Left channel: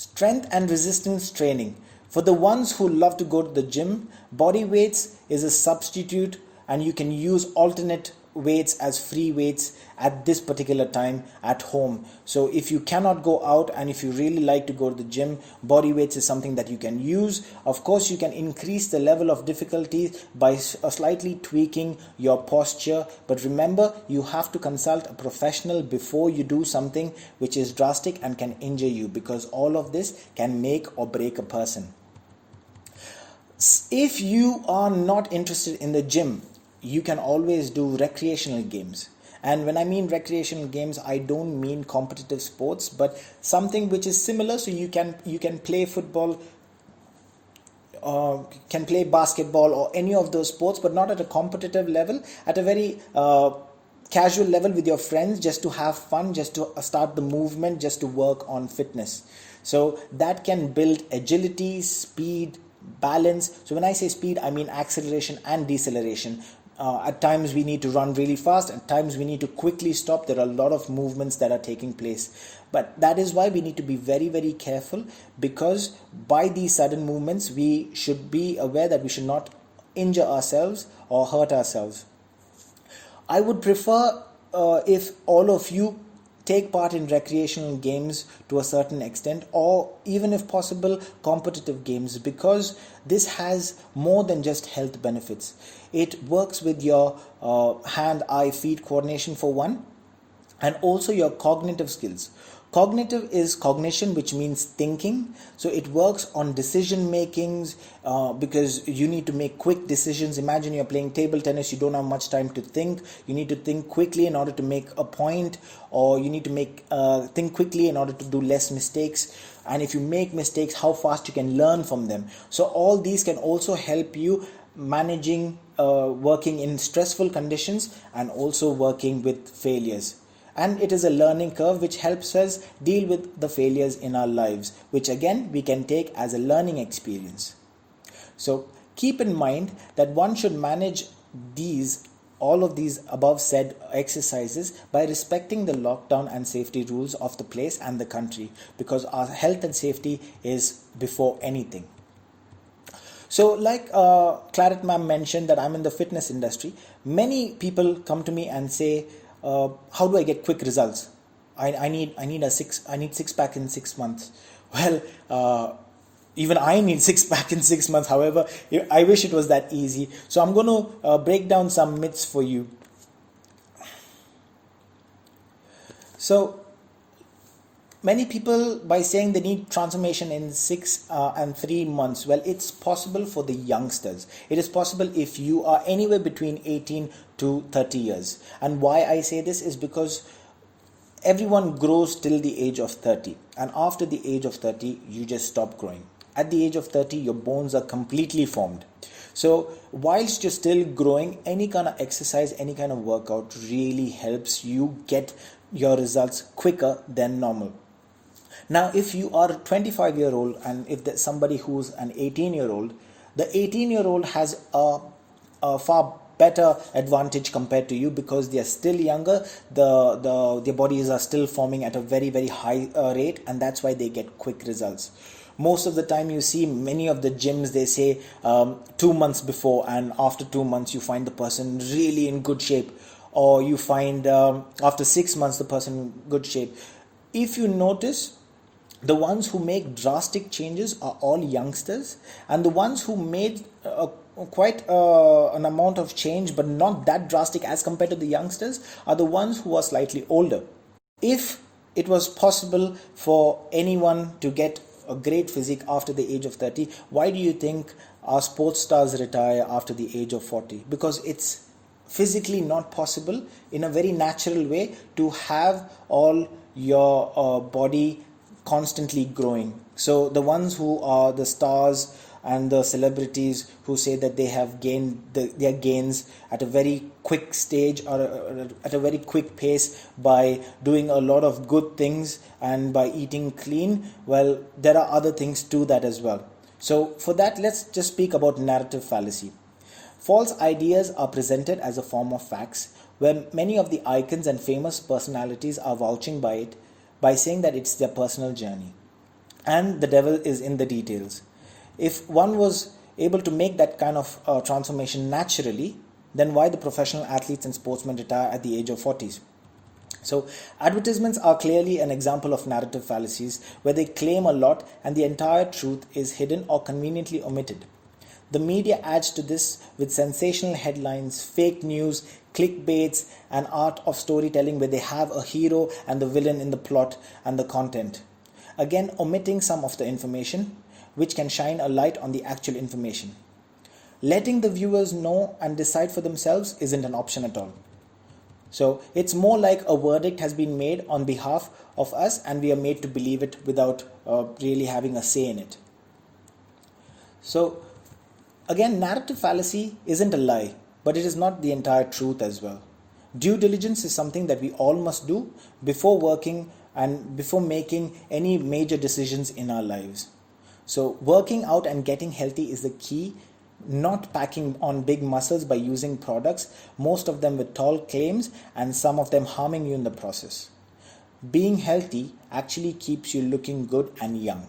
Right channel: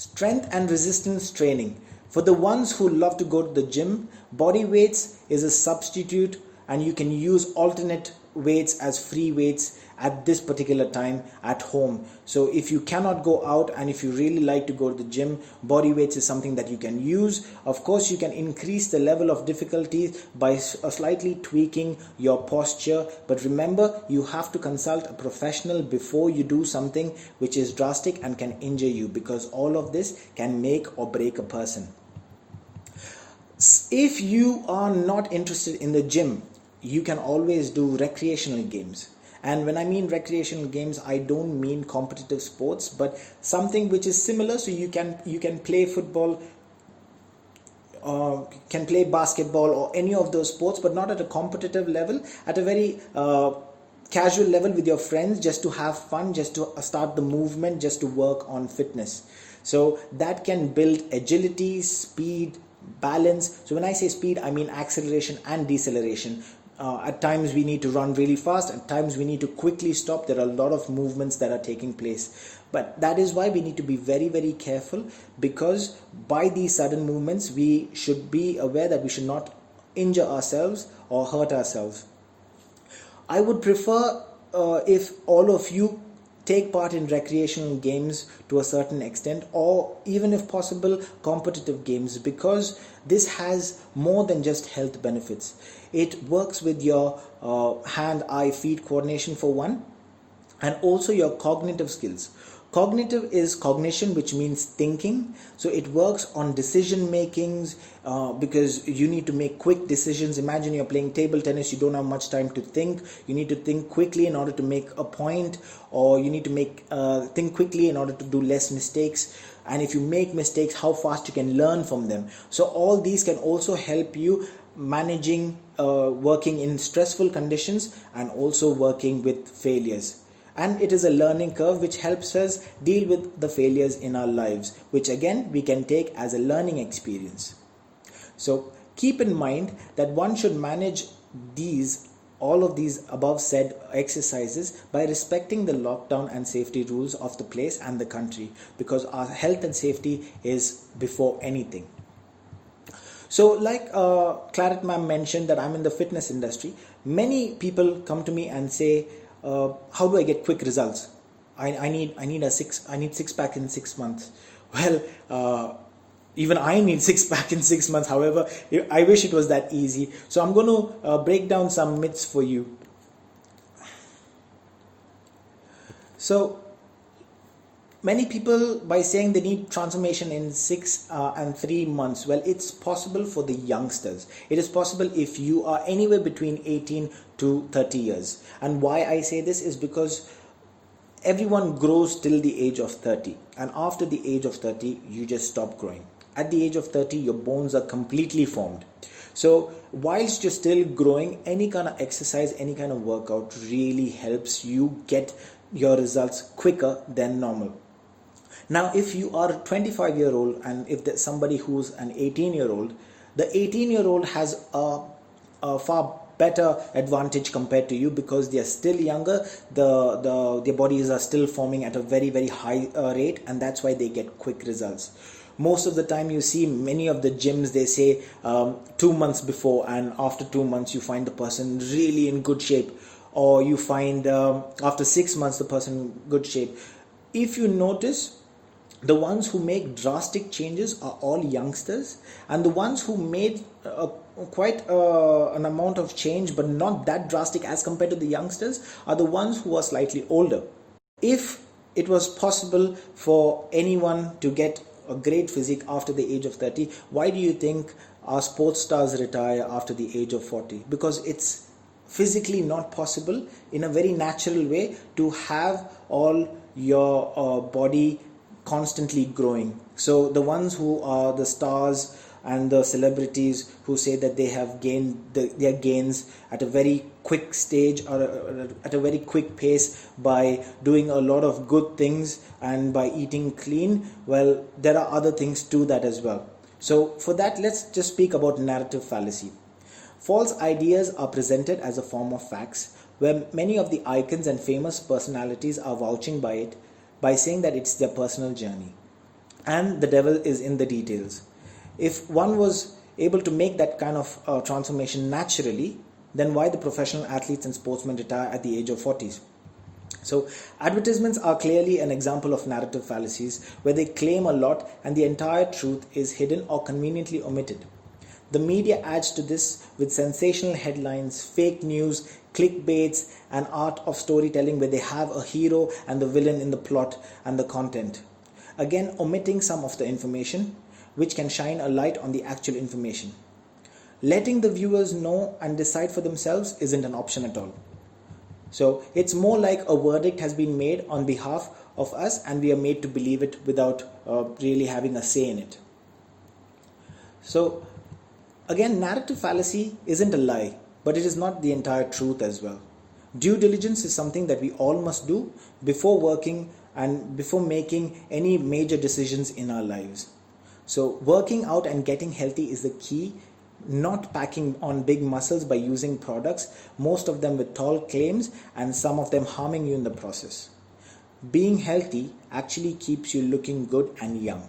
Strength and resistance training. For the ones who love to go to the gym, body weights is a substitute, and you can use alternate weights as free weights at this particular time at home. So if you cannot go out and if you really like to go to the gym, body weights is something that you can use. Of course, you can increase the level of difficulty by slightly tweaking your posture, but remember, you have to consult a professional before you do something which is drastic and can injure you, because all of this can make or break a person. If you are not interested in the gym, you can always do recreational games. And when I mean recreational games, I don't mean competitive sports, but something which is similar. So you can play football, can play basketball or any of those sports, but not at a competitive level, at a very casual level with your friends, just to have fun, just to start the movement, just to work on fitness. So that can build agility, speed, balance. So when I say speed, I mean acceleration and deceleration. At times we need to run really fast, at times we need to quickly stop. There are a lot of movements that are taking place, but that is why we need to be very, very careful, because by these sudden movements we should be aware that we should not injure ourselves or hurt ourselves. I would prefer if all of you take part in recreational games to a certain extent, or even if possible competitive games, because this has more than just health benefits. It works with your hand-eye-feet coordination for one, and also your cognitive skills. Cognitive is cognition, which means thinking. So it works on decision makings, because you need to make quick decisions. Imagine you're playing table tennis, you don't have much time to think. You need to think quickly in order to make a point, or you need to think quickly in order to do less mistakes. And if you make mistakes, how fast you can learn from them. So all these can also help you managing working in stressful conditions and also working with failures. And it is a learning curve which helps us deal with the failures in our lives, which again we can take as a learning experience. So keep in mind that one should manage all of these above said exercises by respecting the lockdown and safety rules of the place and the country, because our health and safety is before anything. So like Claret ma'am mentioned that I'm in the fitness industry. Many people come to me and say, how do I get quick results? I need six pack in 6 months. Well, even I need six pack in 6 months. However, I wish it was that easy. So I'm going to break down some myths for you. So many people, by saying they need transformation in 6 and 3 months, well, it's possible for the youngsters. It is possible if you are anywhere between 18 to 30 years. And why I say this is because everyone grows till the age of 30. And after the age of 30, you just stop growing. At the age of 30, your bones are completely formed. So whilst you're still growing, any kind of exercise, any kind of workout really helps you get your results quicker than normal. Now, if you are a 25-year-old and if there's somebody who's an 18-year-old, the 18-year-old has a far better advantage compared to you, because they are still younger, their bodies are still forming at a very, very high rate, and that's why they get quick results. Most of the time you see many of the gyms, they say 2 months before, and after 2 months you find the person really in good shape, or you find after 6 months the person in good shape. If you notice, the ones who make drastic changes are all youngsters, and the ones who made quite an amount of change but not that drastic as compared to the youngsters are the ones who are slightly older. If it was possible for anyone to get a great physique after the age of 30, why do you think our sports stars retire after the age of 40? Because it's physically not possible in a very natural way to have all your body constantly growing. So the ones who are the stars and the celebrities who say that they have gained their gains at a very quick stage or at a very quick pace by doing a lot of good things and by eating clean, well, there are other things to that as well. So for that, let's just speak about narrative fallacy. False ideas are presented as a form of facts, where many of the icons and famous personalities are vouching by it by saying that it's their personal journey. and the devil is in the details. If one was able to make that kind of transformation naturally, then why the professional athletes and sportsmen retire at the age of 40s? So, advertisements are clearly an example of narrative fallacies where they claim a lot and the entire truth is hidden or conveniently omitted. The media adds to this with sensational headlines, fake news, clickbaits, and art of storytelling where they have a hero and the villain in the plot and the content. Again, omitting some of the information, which can shine a light on the actual information. Letting the viewers know and decide for themselves isn't an option at all. So it's more like a verdict has been made on behalf of us and we are made to believe it without really having a say in it. So again, narrative fallacy isn't a lie, but it is not the entire truth as well. Due diligence is something that we all must do before working and before making any major decisions in our lives. So working out and getting healthy is the key, not packing on big muscles by using products, most of them with tall claims and some of them harming you in the process. Being healthy actually keeps you looking good and young.